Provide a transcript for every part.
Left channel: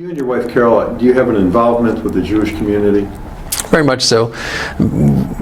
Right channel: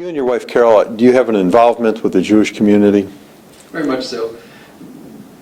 You and your wife, Carol, do you have an involvement with the Jewish community? Very much so.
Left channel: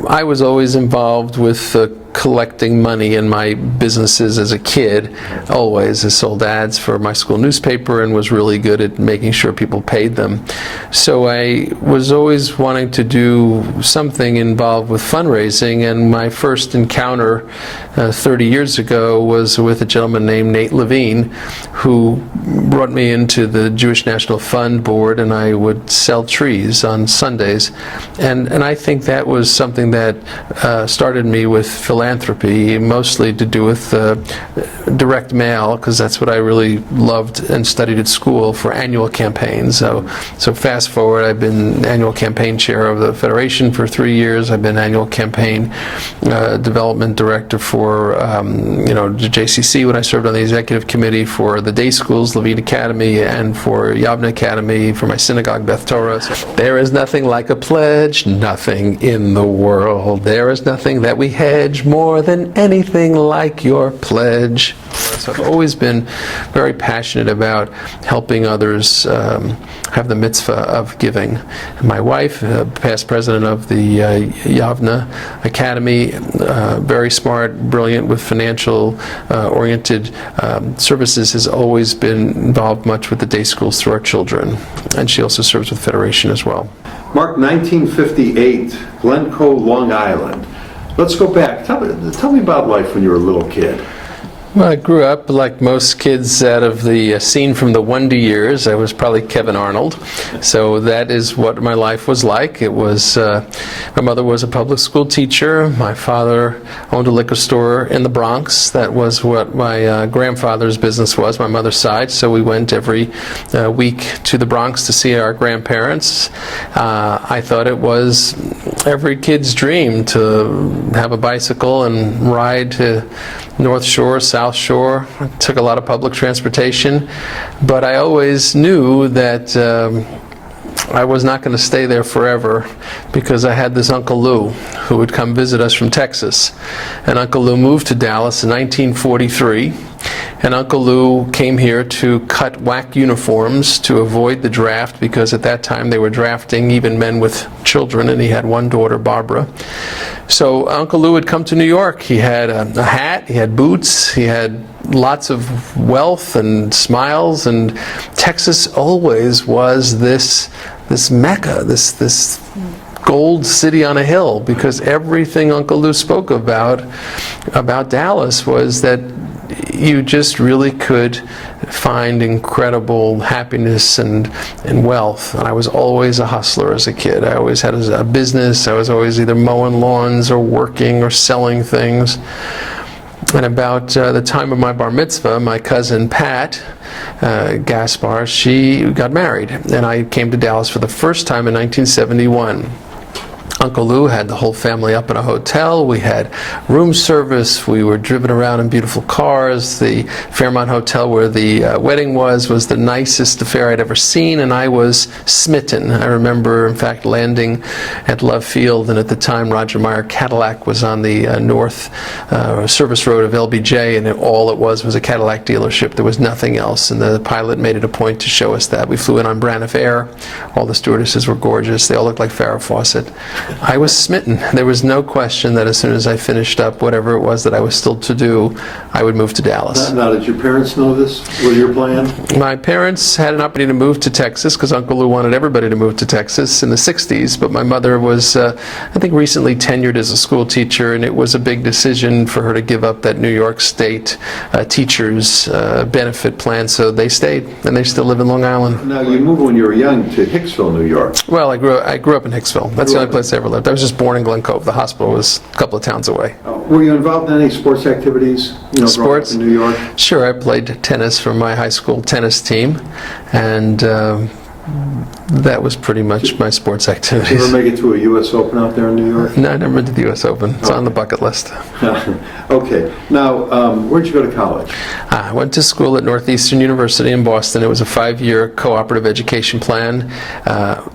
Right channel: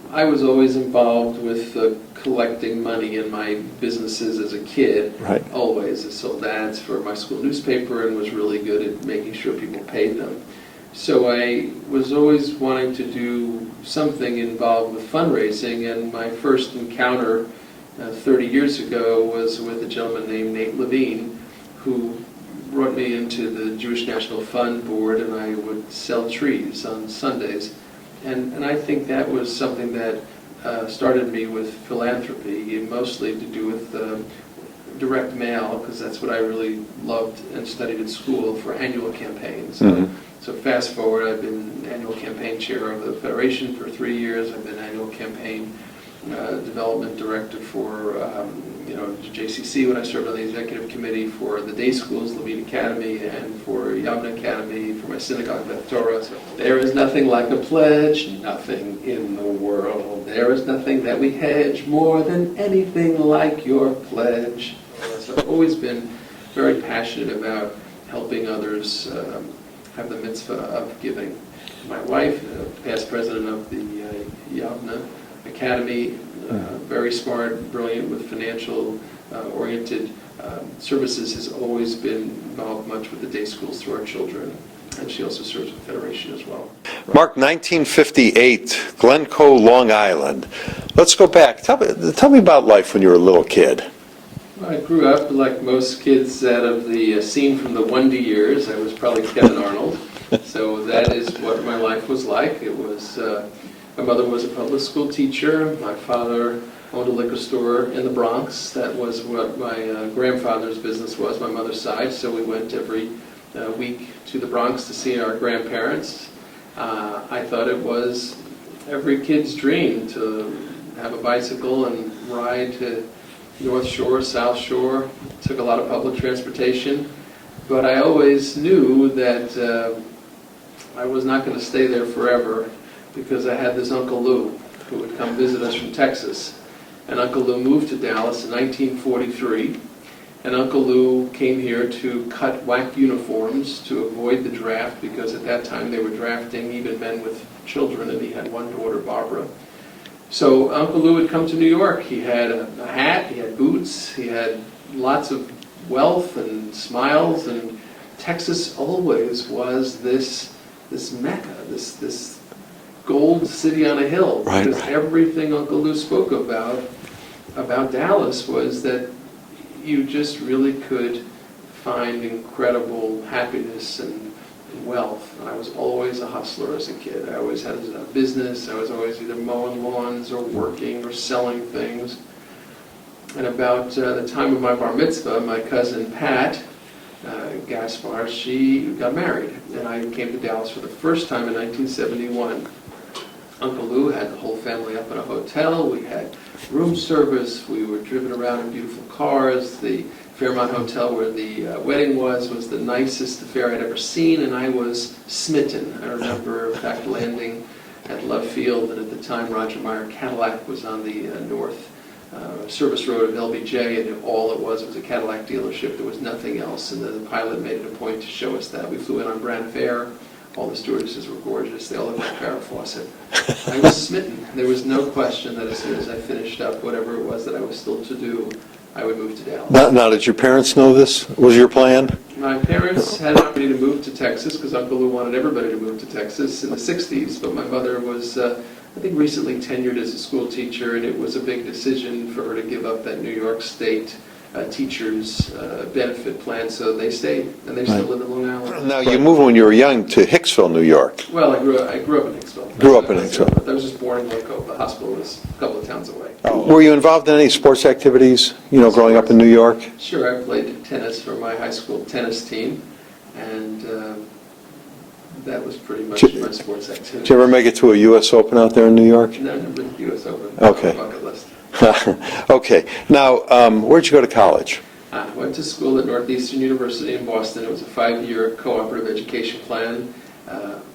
I was always involved with collecting money in my businesses as a kid. Right. Always. I sold ads for my school newspaper and was really good at making sure people paid them. So I was always wanting to do something involved with fundraising, and my first encounter 30 years ago was with a gentleman named Nate Levine, who brought me into the Jewish National Fund board, and I would sell trees on Sundays. And I think that was something that started me with philanthropy, mostly to do with direct mail, because that's what I really loved and studied at school for annual campaigns. So fast forward, I've been annual campaign chair of the Federation for 3 years. I've been annual campaign development director for the JCC when I served on the executive committee, for the day schools, Levine Academy, and for Yavna Academy, for my synagogue, Beth Torah. There is nothing like a pledge, nothing in the world. There is nothing that we hedge more than anything like your pledge. So I've always been very passionate about helping others have the mitzvah of giving. My wife, past president of the Yavna Academy, very smart, brilliant with financial oriented services, has always been involved much with the day schools through our children. And she also serves with Federation as well. Mark, 1958, Glencoe, Long Island. Let's go back. Tell me about life when you were a little kid. Well, I grew up like most kids out of the scene from the Wonder Years. I was probably Kevin Arnold. So that is what my life was like. It was, my mother was a public school teacher. My father owned a liquor store in the Bronx. That was what my grandfather's business was, my mother's side. So we went every week to the Bronx to see our grandparents. I thought it was every kid's dream to have a bicycle and ride to North Shore, South Shore. I took a lot of public transportation, but I always knew that I was not going to stay there forever, because I had this Uncle Lou who would come visit us from Texas. And Uncle Lou moved to Dallas in 1943, and Uncle Lou came here to cut WAC uniforms to avoid the draft, because at that time they were drafting even men with children, and he had one daughter, Barbara. So Uncle Lou would come to New York. He had a hat, he had boots, he had lots of wealth and smiles, and Texas always was this mecca, this gold city on a hill, because everything Uncle Lou spoke about Dallas was that you just really could find incredible happiness and wealth. And I was always a hustler as a kid. I always had a business. I was always either mowing lawns or working or selling things. And about the time of my bar mitzvah, my cousin Pat Gaspar, she got married, and I came to Dallas for the first time in 1971. Uncle Lou had the whole family up in a hotel. We had room service. We were driven around in beautiful cars. The Fairmont Hotel where the wedding was the nicest affair I'd ever seen, and I was smitten. I remember, in fact, landing at Love Field, and at the time Roger Meyer Cadillac was on the north service road of LBJ, and all it was a Cadillac dealership. There was nothing else, and the pilot made it a point to show us that. We flew in on Braniff Air. All the stewardesses were gorgeous. They all looked like Farrah Fawcett. I was smitten. There was no question that as soon as I finished up whatever it was that I was still to do, I would move to Dallas. Now, did your parents know this? Was your plan? My parents had an opportunity to move to Texas, because Uncle Lou wanted everybody to move to Texas in the 60s, but my mother was, I think, recently tenured as a school teacher, and it was a big decision for her to give up that New York State teachers benefit plan, so they stayed, and they still live in Long Island. Now, you moved when you were young to Hicksville, New York. Well, I grew up in Hicksville. That's the only place I ever lived. I was just born in Glen Cove. The hospital was a couple of towns away. Were you involved in any sports activities, growing up in New York? Sure, I played tennis for my high school tennis team, and that was pretty much my sports Did you activities. ever make it to a U.S. Open out there in New York? No, I never been to the U.S. Open. It's on the Okay. bucket list. Okay. Now, where'd you go to college? I went to school at Northeastern University in Boston. It was a 5-year cooperative education plan.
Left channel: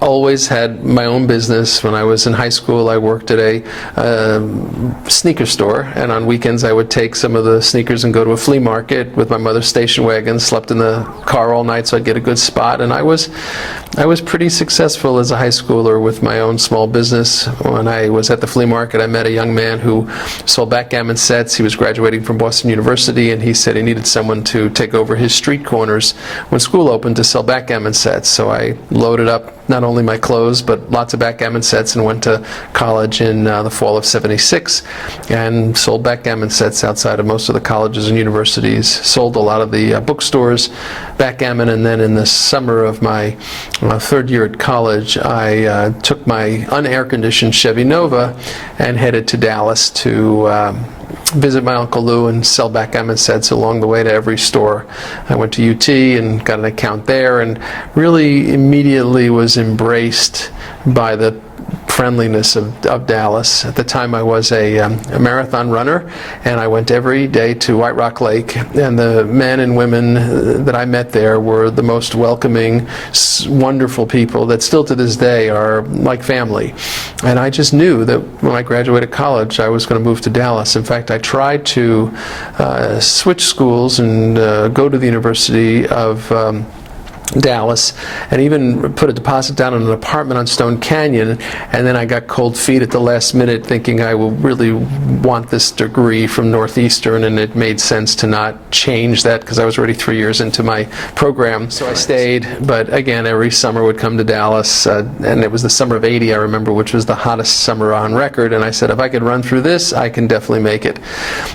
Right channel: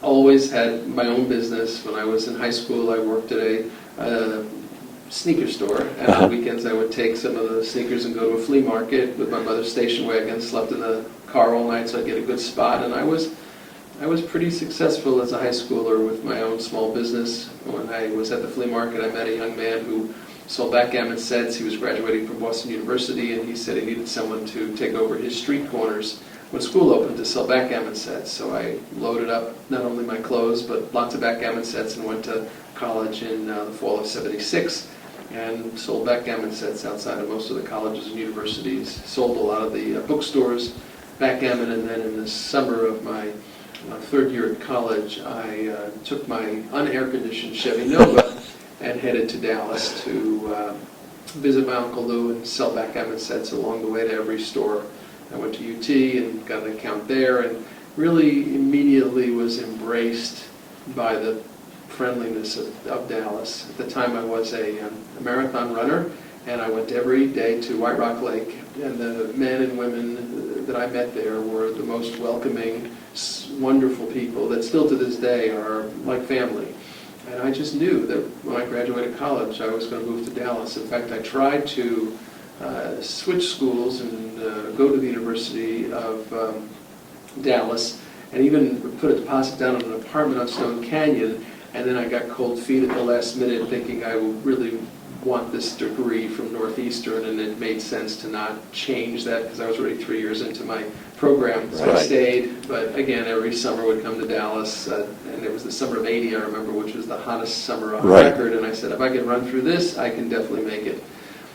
Always had my own business. When I was in high school, I worked at a sneaker store, and on weekends I would take some of the sneakers and go to a flea market with my mother's station wagon, slept in the car all night so I'd get a good spot, and I was pretty successful as a high schooler with my own small business. When I was at the flea market, I met a young man who sold backgammon sets. He was graduating from Boston University, and he said he needed someone to take over his street corners when school opened to sell backgammon sets. So I loaded up not only my clothes, but lots of backgammon sets, and went to college in the fall of '76 and sold backgammon sets outside of most of the colleges and universities, sold a lot of the bookstores, backgammon, and then in the summer of my third year at college, I took my unair-conditioned Chevy Nova and headed to Dallas to visit my Uncle Lou and sell backgammon sets along the way to every store. I went to UT and got an account there, and really immediately was embraced by the friendliness of Dallas. At the time I was a marathon runner, and I went every day to White Rock Lake, and the men and women that I met there were the most welcoming, wonderful people that still to this day are like family. And I just knew that when I graduated college I was going to move to Dallas. In fact, I tried to switch schools and go to the University of Dallas, and even put a deposit down on an apartment on Stone Canyon, and then I got cold feet at the last minute thinking I will really want this degree from Northeastern, and it made sense to not change that because I was already 3 years into my program. So I stayed, but again, every summer would come to Dallas, and it was the summer of '80, I remember, which was the hottest summer on record, and I said, if I can run through this, I can definitely make it.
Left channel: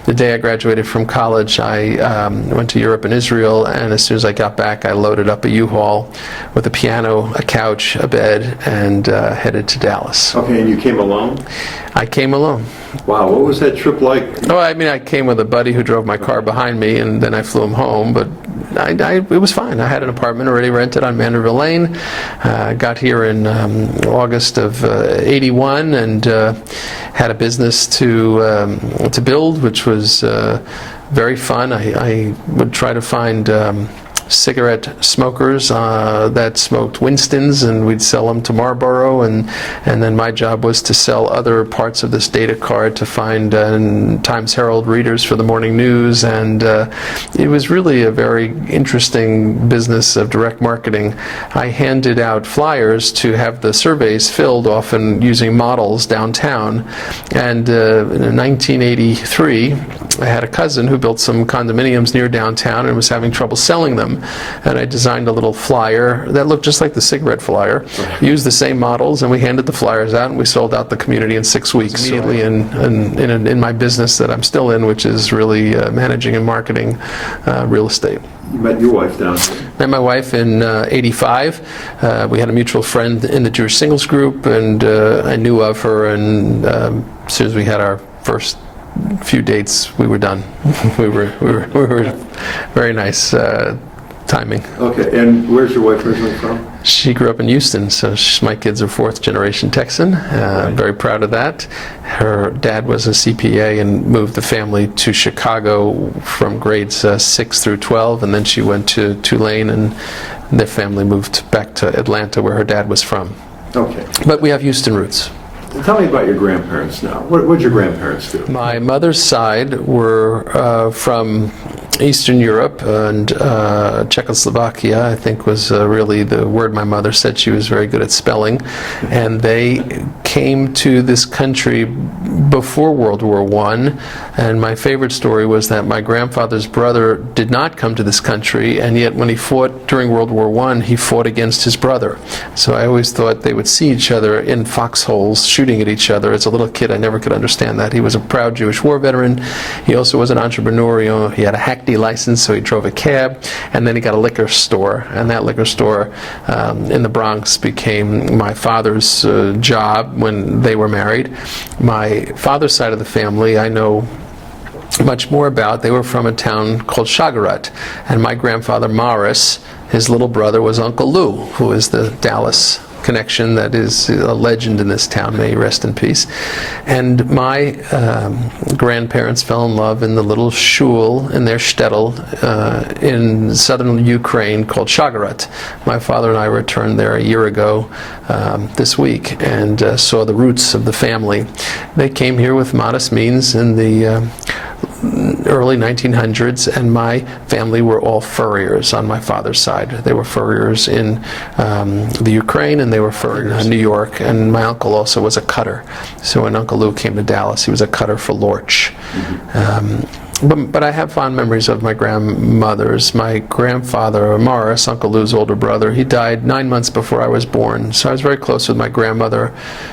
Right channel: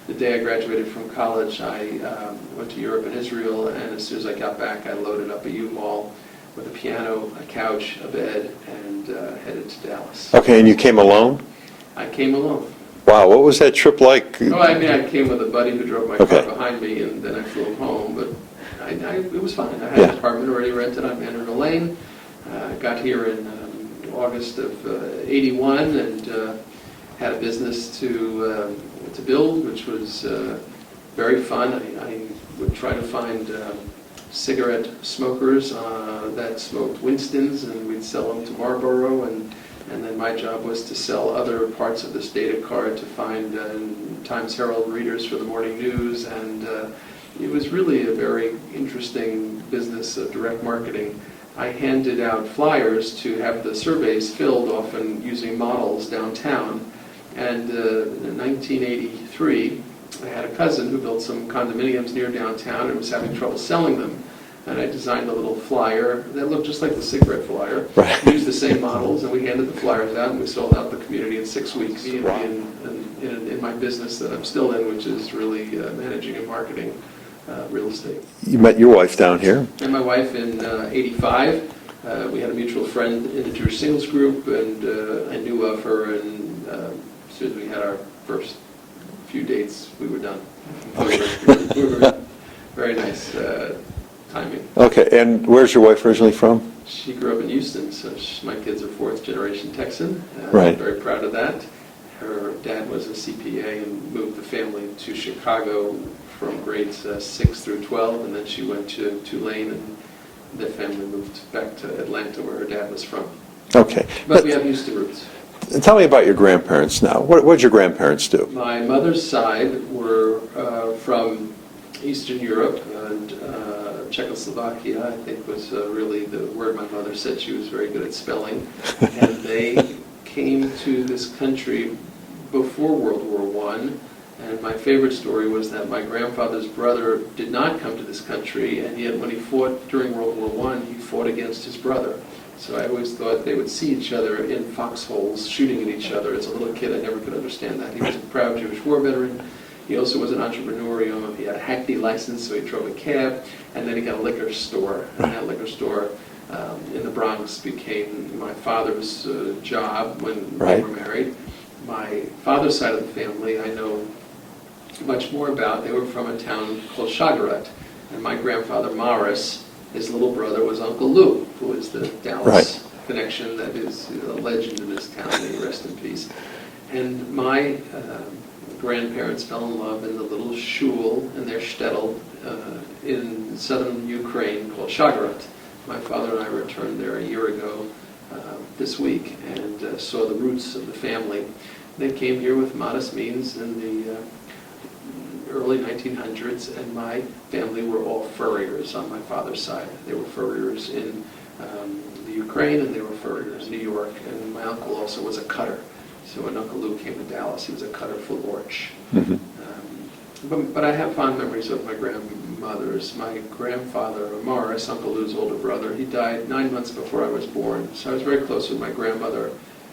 The day I graduated from college, I went to Europe and Israel, and as soon as I got back, I loaded up a U-Haul with a piano, a couch, a bed, and headed to Dallas. Okay, and you came alone? I came alone. Wow, what was that trip like? Oh, I mean, I came with a buddy who drove my car behind me, and then I flew him home, but it was fine. I had an apartment already rented on Manderville Lane. I got here in August of '81, and had a business to build, which was very fun. I would try to find cigarette smokers that smoked Winstons, and we'd sell them to Marlboro, and then my job was to sell other parts of this data card to find Times Herald readers for the morning news, and it was really a very interesting business of direct marketing. I handed out flyers to have the surveys filled, often using models downtown, and in 1983 I had a cousin who built some condominiums near downtown and was having trouble selling them. And I designed a little flyer that looked just like the cigarette flyer, used the same models, and we handed the flyers out, and we sold out the community in 6 weeks. Immediately in my business that I'm still in, which is really managing and marketing real estate. You met your wife down here? Met my wife in '85. We had a mutual friend in the Jewish Singles Group, and I knew of her, and as soon as we had our first few dates, we were done. we were very nice timing. Okay, and where's your wife originally from? She grew up in Houston, so my kids are fourth generation Texan. I'm very proud of that. Her dad was a CPA and moved the family to Chicago from grades 6 through 12, and then she went to Tulane, and their family moved back to Atlanta, where her dad was from. Okay. But we have Houston roots. Tell me about your grandparents now. What did your grandparents do? My mother's side were from Eastern Europe, and Czechoslovakia, I think, was really the word my mother said. She was very good at spelling. And they came to this country before World War I. And my favorite story was that my grandfather's brother did not come to this country, and yet when he fought during World War I, he fought against his brother. So I always thought they would see each other in foxholes, shooting at each other. As a little kid, I never could understand that. He was a proud Jewish war veteran. He also was an entrepreneur. He had a hackney license, so he drove a cab, and then he got a liquor store. And that liquor store in the Bronx became my father's job when they were married. My father's side of the family, I know much more about. They were from a town called Shagarat, and my grandfather Morris his little brother was Uncle Lou, who is the Dallas connection that is a legend in this town. May he rest in peace. And my grandparents fell in love in the little shul in their shtetl in southern Ukraine called Shagarat. My father and I returned there a year ago this week and saw the roots of the family. They came here with modest means in the early 1900s, and my family were all furriers on my father's side. They were furriers in the Ukraine, and they were furriers in New York, and my uncle also was a cutter. So when Uncle Lou came to Dallas, he was a cutter for Lorch. But I have fond memories of my grandmothers. My grandfather, Morris, Uncle Lou's older brother, he died 9 months before I was born, so I was very close with my grandmother.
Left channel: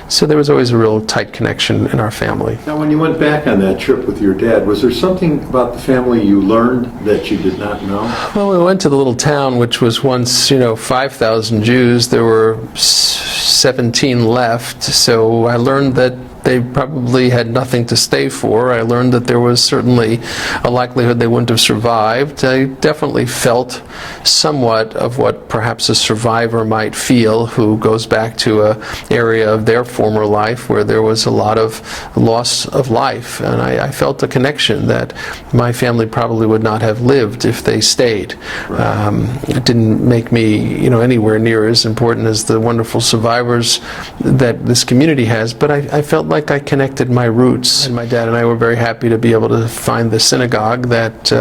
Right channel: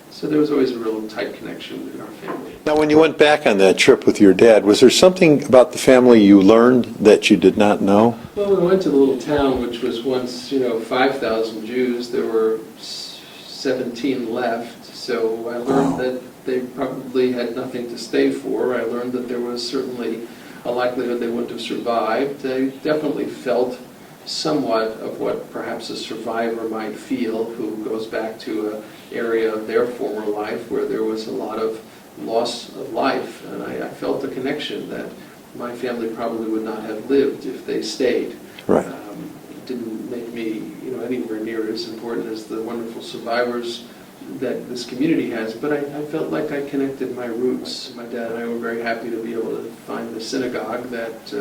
So there was always a real tight connection in our family. Now, when you went back on that trip with your dad, was there something about the family you learned that you did not know? Well, we went to the little town, which was once, 5,000 Jews. There were 17 left, so I learned that they probably had nothing to stay for. I learned that there was certainly a likelihood they wouldn't have survived. I definitely felt somewhat of what perhaps a survivor might feel who goes back to an area of their former life where there was a lot of loss of life. And I felt a connection that my family probably would not have lived if they stayed. It didn't make me, anywhere near as important as the wonderful survivors that this community has, but I felt like I connected my roots. And my dad and I were very happy to be able to find the synagogue that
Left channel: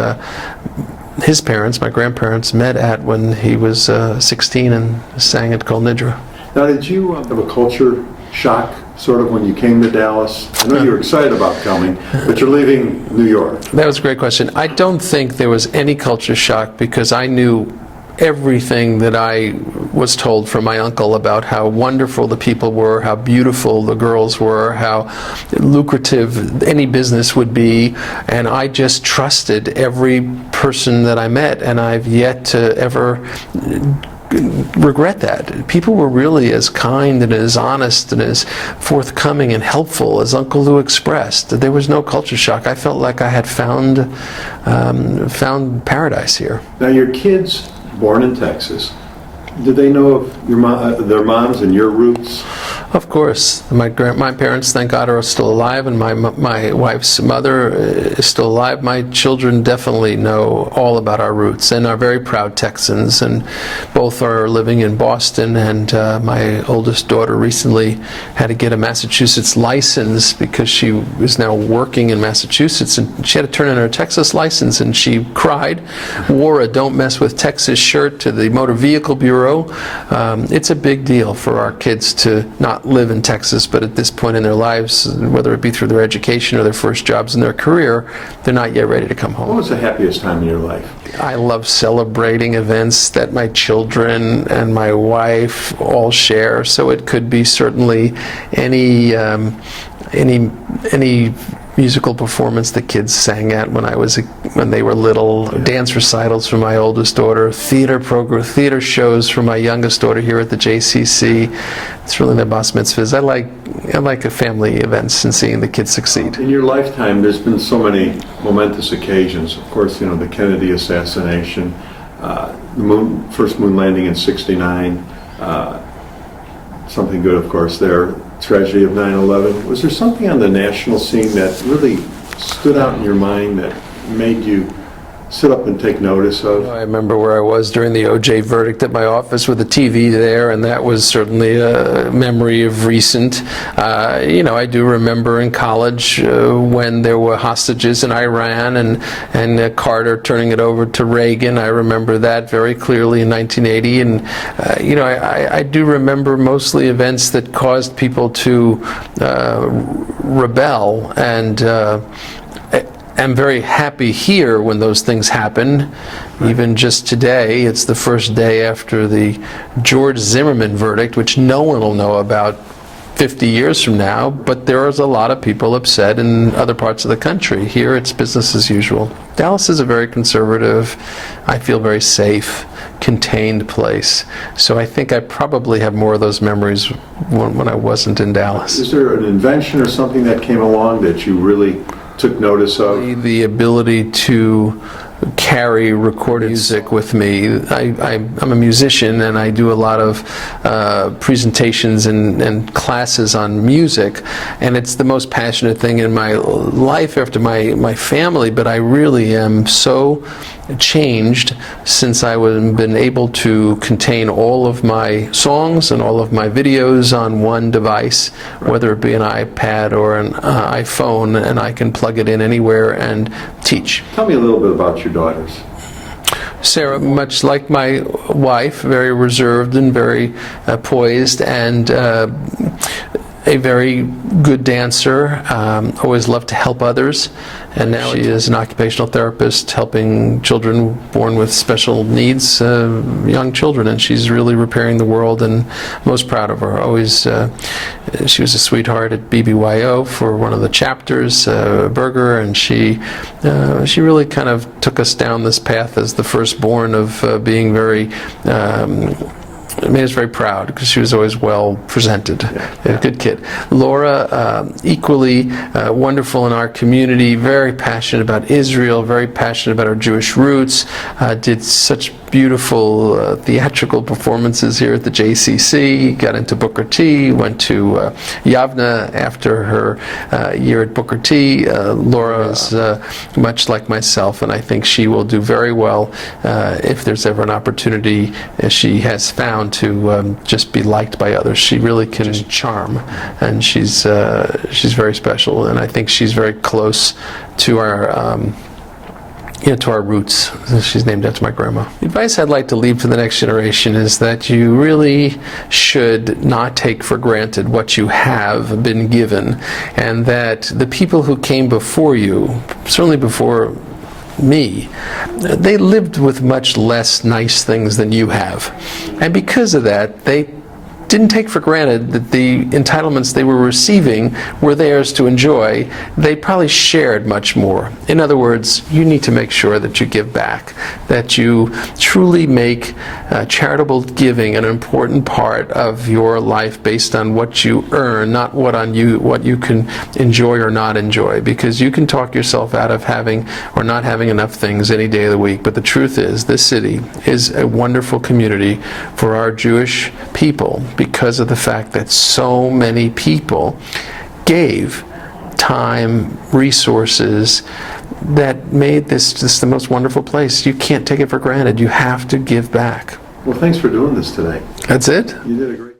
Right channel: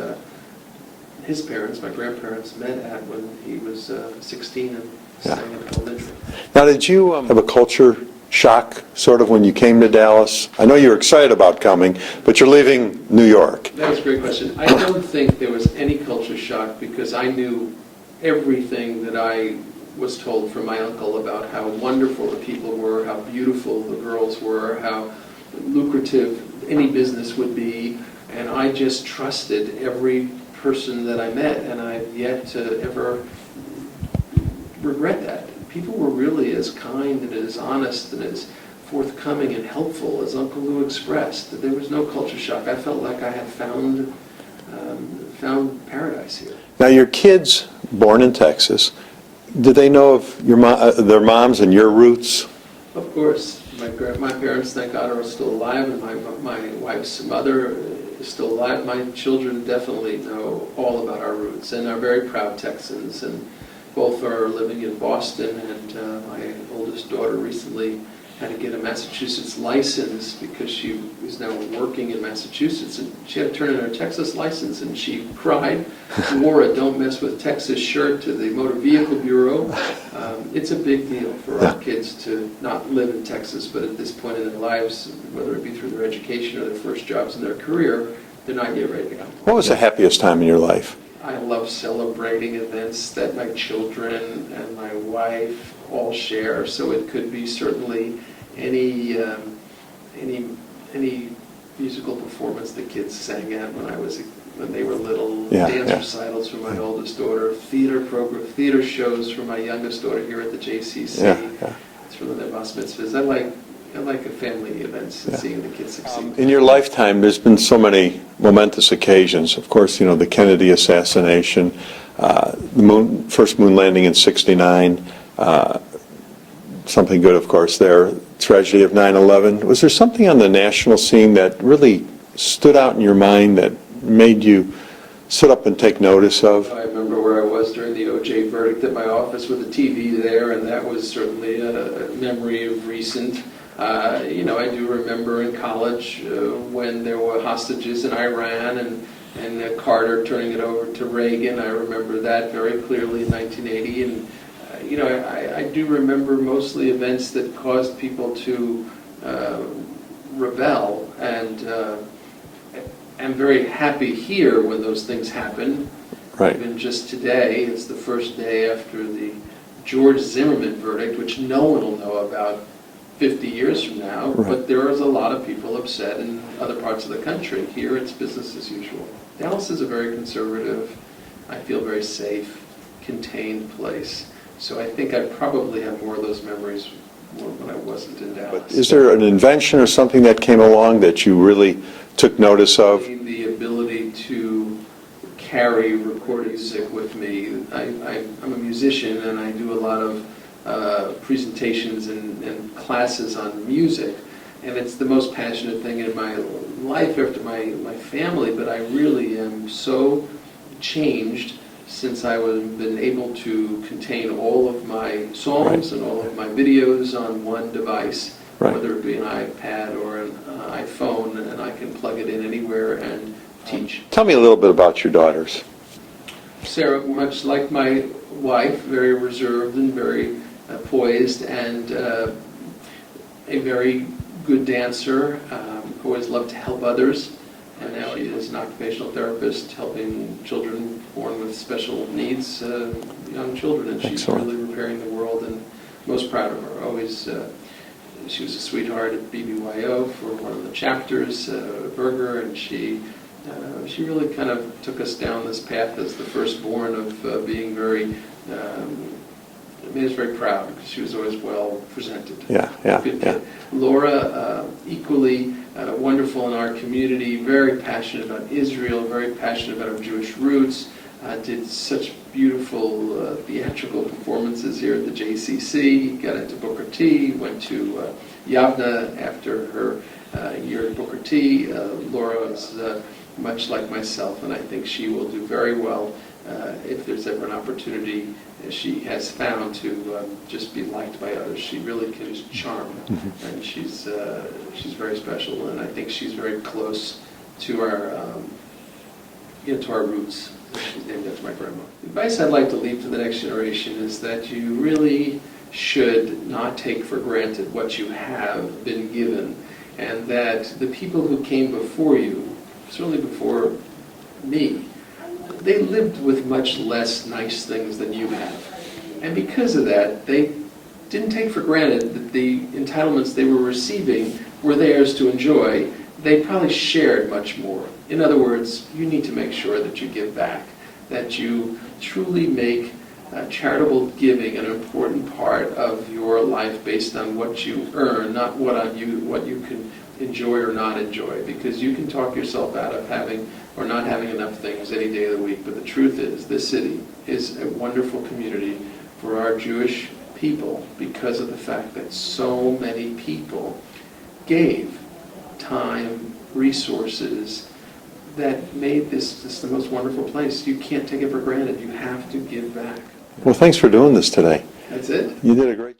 his parents, my grandparents, met at when he was 16 and sang at Kol Nidra. Now, did you have a culture shock, sort of, when you came to Dallas? I know you were excited about coming, but you're leaving New York. That was a great question. I don't think there was any culture shock because I knew everything that I was told from my uncle about how wonderful the people were, how beautiful the girls were, how lucrative any business would be, and I just trusted every person that I met, and I've yet to ever regret that. People were really as kind and as honest and as forthcoming and helpful as Uncle Lou expressed. There was no culture shock. I felt like I had found paradise here. Now, your kids, born in Texas, did they know of their moms and your roots? Of course. My parents, thank God, are still alive, and my wife's mother is still alive. My children definitely know all about our roots and are very proud Texans, and both are living in Boston, and my oldest daughter recently had to get a Massachusetts license because she was now working in Massachusetts, and she had to turn in her Texas license, and she cried, wore a "Don't Mess with Texas" shirt to the Motor Vehicle Bureau. It's a big deal for our kids to not live in Texas, but at this point in their lives, whether it be through their education or their first jobs in their career, they're not yet ready to come home. What was the happiest time in your life? I love celebrating events that my children and my wife all share, so it could be certainly any musical performance the kids sang at when they were little, dance recitals for my oldest daughter, theater shows for my youngest daughter here at the JCC. It's really the bar mitzvahs. I like family events and seeing the kids succeed. In your lifetime, there's been so many momentous occasions. Of course, the Kennedy assassination, the first moon landing in '69. Something good, of course, there. Tragedy of 9/11. Was there something on the national scene that really stood out in your mind that made you sit up and take notice of? I remember where I was during the O.J. verdict at my office with the TV there, and that was certainly a memory of recent. I do remember in college when there were hostages in Iran and Carter turning it over to Reagan. I remember that very clearly in 1980, and I do remember mostly events that caused people to rebel, and I'm very happy here when those things happen. Right. Even just today, it's the first day after the George Zimmerman verdict, which no one will know about 50 years from now, but there is a lot of people upset in other parts of the country. Here, it's business as usual. Dallas is a very conservative, I feel very safe, contained place. So I think I probably have more of those memories when I wasn't in Dallas. Is there an invention or something that came along that you really took notice of? The ability to carry recorded music with me. I'm a musician, and I do a lot of presentations and classes on music, and it's the most passionate thing in my life after my family, but I really am so changed since I've been able to contain all of my songs and all of my videos on one device, whether it be an iPad or an iPhone, and I can plug it in anywhere and teach. Tell me a little bit about your daughters. Sarah, much like my wife, very reserved and very poised, and a very good dancer, always loved to help others. And now she is an occupational therapist helping children born with special needs, young children, and she's really repairing the world, and most proud of her. Always, she was a sweetheart at BBYO for one of the chapters, Berger, and she really kind of took us down this path as the firstborn of being very it made us very proud because she was always well presented. Yeah. Good kid. Laura, equally wonderful in our community, very passionate about Israel, very passionate about our Jewish roots, did such beautiful theatrical performances here at the JCC, got into Booker T, went to Yavna after her year at Booker T. Laura is much like myself, and I think she will do very well if there's ever an opportunity, as she has found, to just be liked by others. She really can charm, and she's very special, and I think she's very close to our to our roots. She's named after my grandma. The advice I'd like to leave to the next generation is that you really should not take for granted what you have been given, and that the people who came before you, certainly before me, they lived with much less nice things than you have. And because of that, they didn't take for granted that the entitlements they were receiving were theirs to enjoy. They probably shared much more. In other words, you need to make sure that you give back, that you truly make charitable giving an important part of your life based on what you earn, not what you can enjoy or not enjoy, because you can talk yourself out of having or not having enough things any day of the week. But the truth is, this city is a wonderful community for our Jewish people, because of the fact that so many people gave time, resources, that made this just the most wonderful place. You can't take it for granted. You have to give back. Well, thanks for doing this today. That's it. You did a great